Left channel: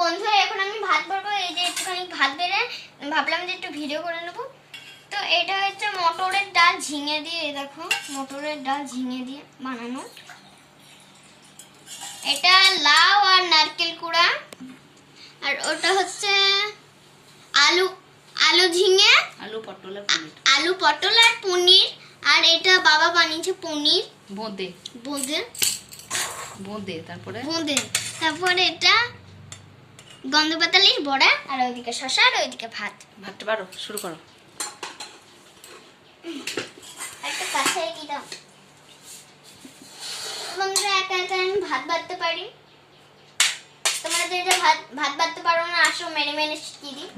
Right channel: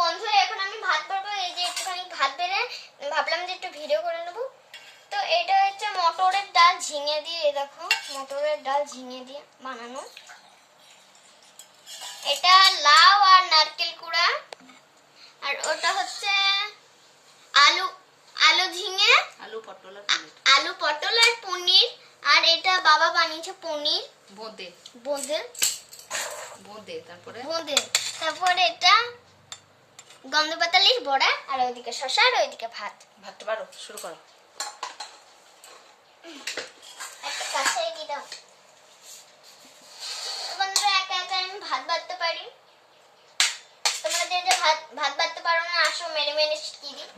বন্ধুরা এখন আমি ভাত বাড়বো। এই যে একটুখানি ভাত বেড়ে ভাবলাম যে একটু ভিডিও করে নেবো। তো এটা হচ্ছে মটরের ডাল ঝিঙে দিয়ে, দেখো মটরের ডাল ঝিঙে দিয়ে বানানো। এটা লাউ আর নারকেল কুড়া, আর ওটা হচ্ছে আলু আলু ঝিঙে, আলু পটল আর পনির। আলু পটল আর পনির। আর এটা বাবা বানিয়েছে পনির বোঁদে বোঁদে বোঁদে তারপরে বোঁদে। তারপরে এটা গন্ধ পাতালির বড়া, আর ওইদিকে শসা, আর ওইদিকে ভাত। ভাতটা বারো শুরু করো। একটা কাছে এগিয়ে দাও। বন্ধুরা একা একা আমি ভাত বাড়তে পারি, তোমরা যে যে ভাত বাড়তে পারো না আসো মেরে মেরে শিখিয়ে দিই।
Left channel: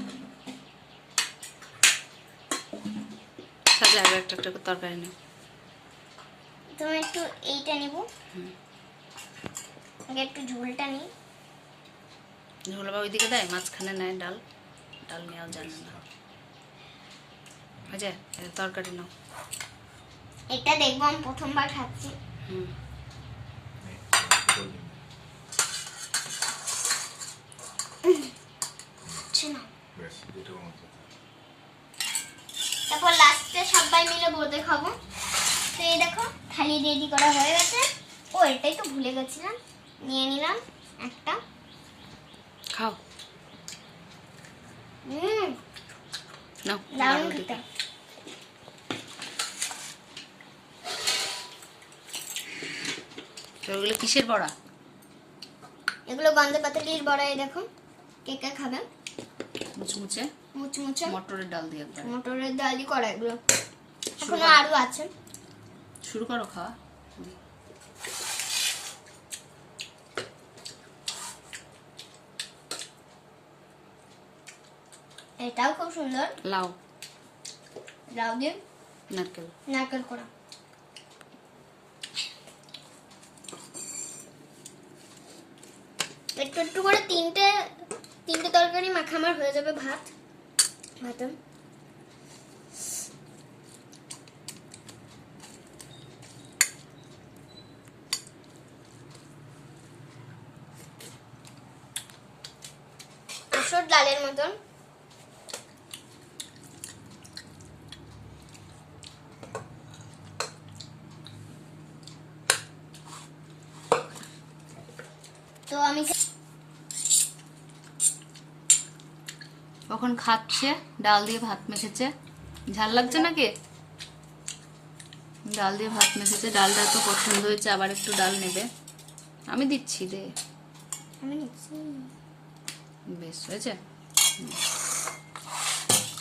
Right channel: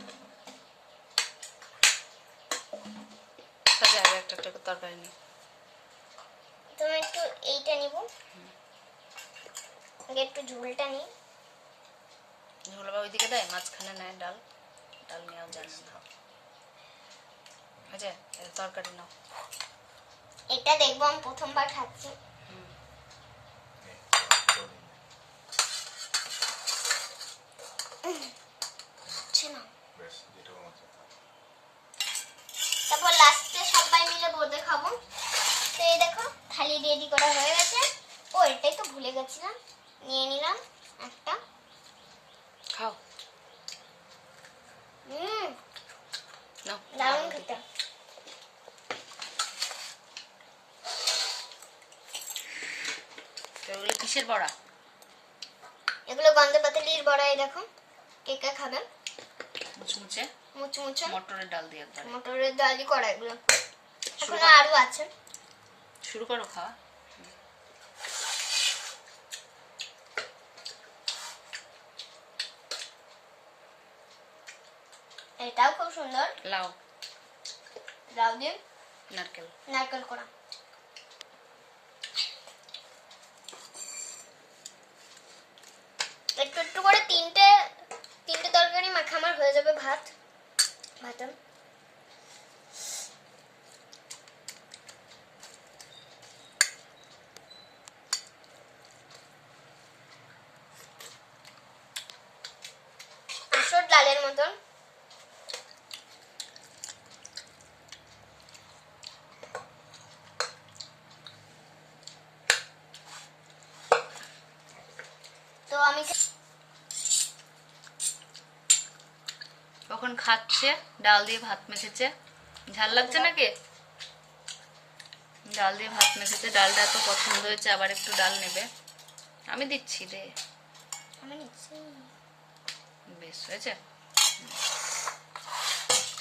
সাজা আরো একটা একটা করে তরকারি নিও। তুমি একটু এইটা নিব, আগে একটু ঝোলটা নিই। ঝোল বা ওইদিকে দেয়, মাঝখানে নেয় ডাল, ডাল নেওয়া জানে না। আচ্ছা তরকারি নাও। এটা দেখবো আমি প্রথমবার খাচ্ছি। তারপর লাস্টে সবাই মিলে বোঁদে খাবো। তো এই দেখো থালি রেডি করা হয়ে গেছে। ও এটাই তো ভুলে গেছিলাম, নিয়ে নিলাম একটা। খাও নাও। দারুণ খেতে। ওগুলো কিসের বড়া? এগুলো গন্ধ পাতালির বড়া। এই দেখো কে কে খাবে। মুচমুচে মুচমুচে মটরের ডাল দিয়ে একবার। মটরের ডালই করা এগুলো। এখনো আরো আছে। শুরু করো খাওয়া। এটাও খুব সুন্দর, লাউ লাউ দিয়ে নারকেল। নারকেল করা। একটু একটু করে তিনটে তরকারি মাখা আমার হয়ে যাবে। ভাত আসর ডালের মতন। তো আমি কখন খাচ্ছে, ডাল দিয়ে ভাত মেখেছে। ঝাল লাগছে নাকি? ডাল দিয়ে ভাত মেখেছে, ডালটা এত পছন্দ হয়েছে, আবার একটু ডাল নেবে। আমি দিচ্ছি রে। আমি নিচ্ছি। বেশ হয়েছে।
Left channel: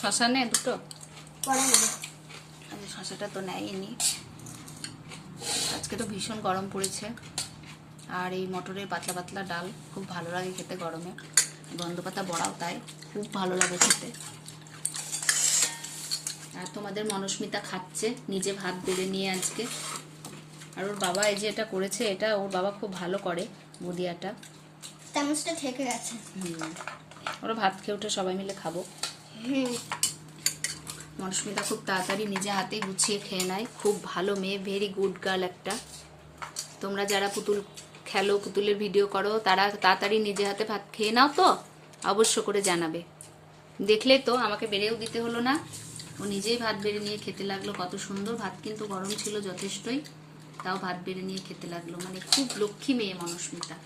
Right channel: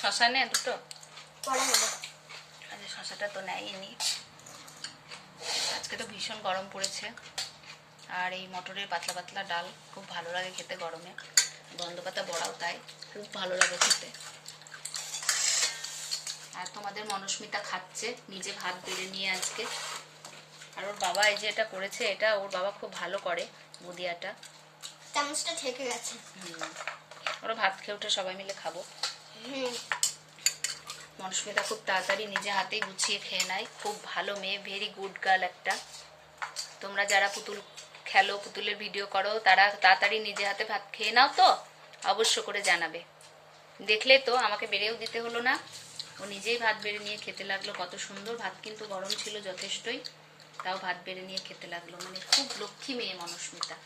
শশা নে দুটো পরে নেব। আচ্ছা শশাটা তো নেয়নি। আজকে তো ভীষণ গরম পড়েছে, আর এই মটরের পাতলা পাতলা ডাল খুব ভালো লাগে খেতে গরমে। গন্ধপাতা বড়াও তাই খুব ভালো লাগে খেতে। আর তোমাদের মনস্মিতা খাচ্ছে নিজে ভাত বেড়ে নিয়ে আজকে। আর ওর বাবা এই যে এটা করেছে, এটা ওর বাবা খুব ভালো করে বুদিয়াটা। চামচটা থেকে গেছে। ওরা ভাত খেয়ে উঠে সবাই মিলে খাবো। মনস্মিতা খুব তাড়াতাড়ি নিজে হাতেই গুছিয়ে খেয়ে নেয়। খুব ভালো মেয়ে, ভেরি গুড গার্ল একটা। তোমরা যারা পুতুল খেলো, পুতুলের ভিডিও করো, তারা তাড়াতাড়ি নিজে হাতে ভাত খেয়ে নাও তো অবশ্য করে জানাবে। দেখলে তো আমাকে বেড়েও দিতে হলো না, ও নিজেই ভাত বেড়ে নিয়ে খেতে লাগলো। কত সুন্দর ভাত, কিন্তু গরম ছিল যথেষ্টই, তাও ভাত বেড়ে নিয়ে খেতে লাগলো। মানে খুব লক্ষ্মী মেয়ে মনস্মিতা।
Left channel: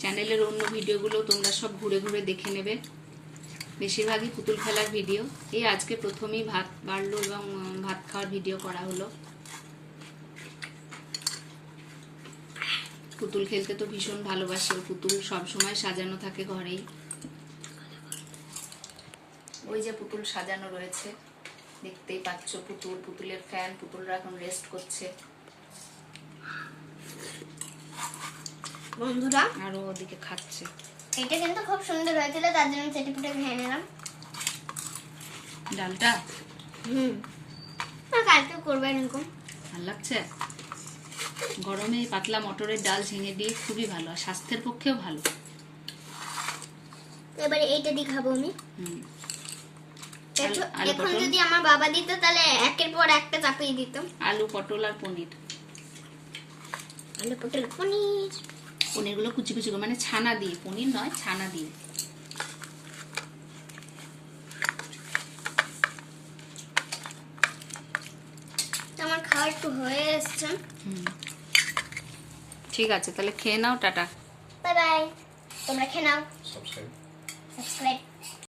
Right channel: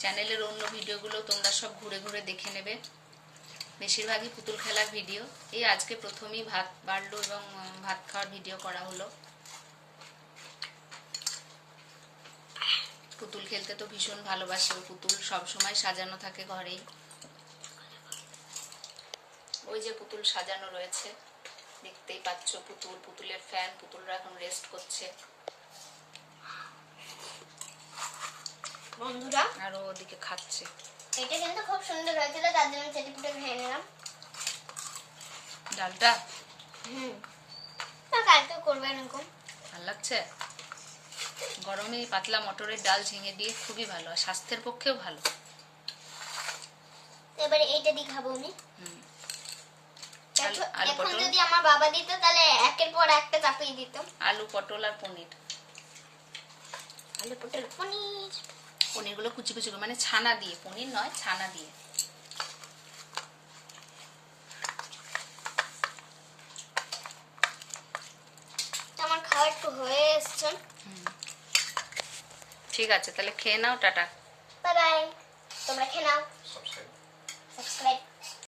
চ্যানেলের অন্য ভিডিওগুলো তোমরা সব ঘুরে ঘুরে দেখে নেবে, বেশিরভাগই পুতুল খেলার ভিডিও। এই আজকে প্রথমেই ভাত বাড়লো এবং ভাত খাওয়ার ভিডিও করা হলো। পুতুল খেলতে তো ভীষণ ভালোবাসে, পুতুল সব সময় সাজানো থাকে ঘরেই। ওই যে পুতুল সাজানো রয়েছে, দেখতেই পাচ্ছ পুতুল, পুতুলের ফ্যান। পুতুলরা এখন রেস্ট করছে। বন্ধুরা আর ওদিকে খাচ্ছে। এটা কিন্তু খুব সুন্দর হয়েছিল, তার জন্য চেটে পুটে খেয়ে নিলাম ডালটা। কালকে করবে এরকম। ভাল লাগছে। গরমে পাতলা মটরের ডাল ঝিঙে দিয়ে খুবই ভালো, আর স্বাস্থ্যের পক্ষেও ভালো। এবারে এইটা দিয়ে খাবো আমি। আলু এখন পটল যদি আমার বাবা দিত তাহলে একের পর একটা চাপিয়ে দিত। আলু পটল আর পনির। আলু পটল পনির। পনিরগুলো কুচি কুচি করে, মানে ছানা দিয়ে, পনির নয় ছানা দিয়ে। তো আমার খাওয়া একটু হয়ে এসছে। ঠিক আছে, তাহলে খেয়ে নাও, টাটা। Bye bye. তোমরা খেয়ে নাও। সাবস্ক্রাইব